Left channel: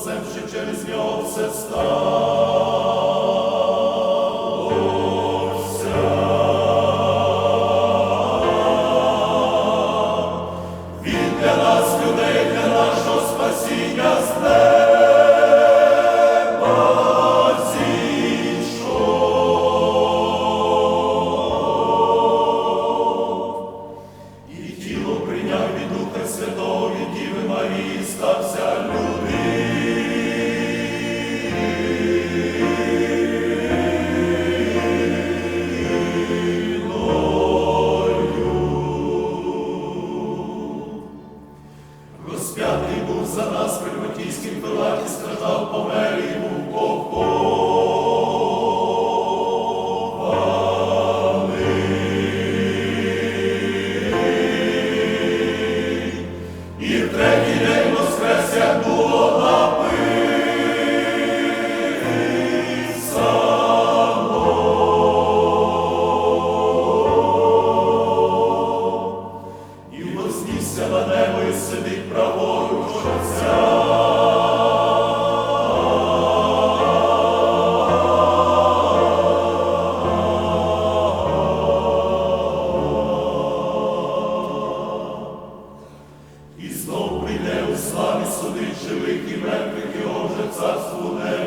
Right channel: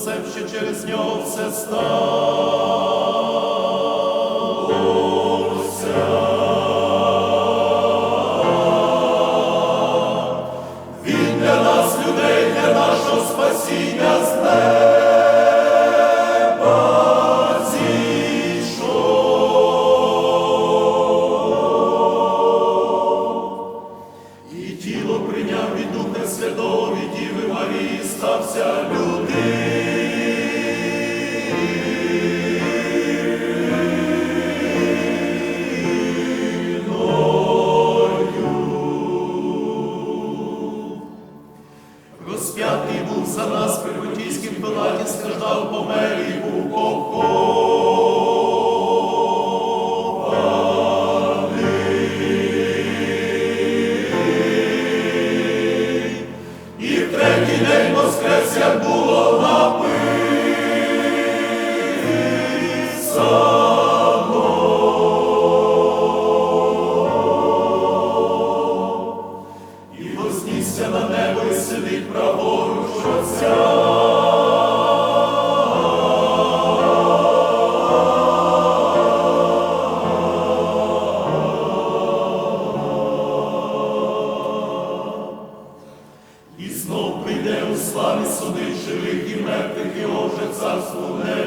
Отцем, що через нього все сталося. Він для нас, людей, для нашого спасіння з Розп'ятий був за нас при Пилаті, страждав, помер і був похований. І знов прийде у славі судить живих і мертвих, і оже царству не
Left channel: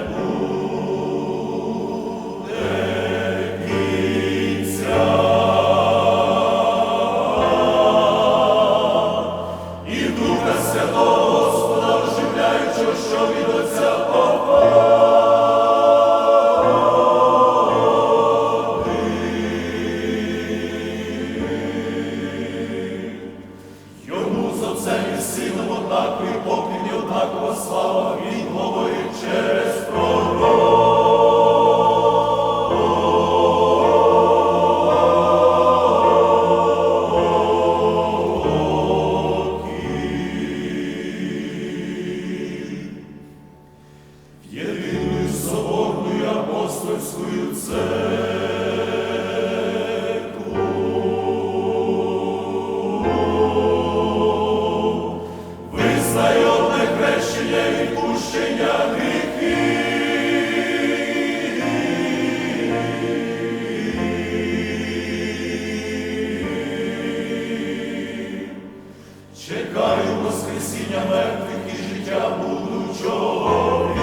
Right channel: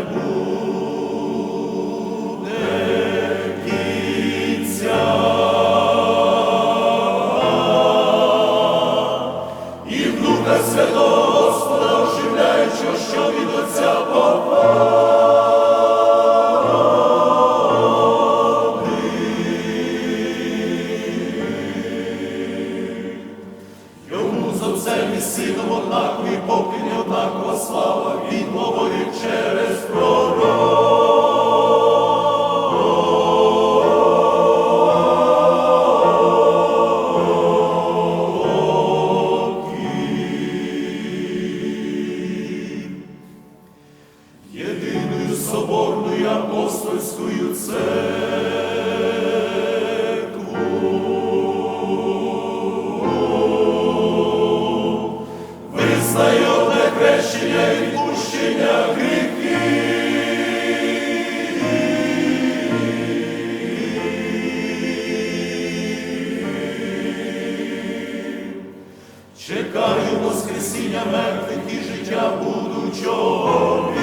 Чекаю Воскресіння мертвих і життя будучого.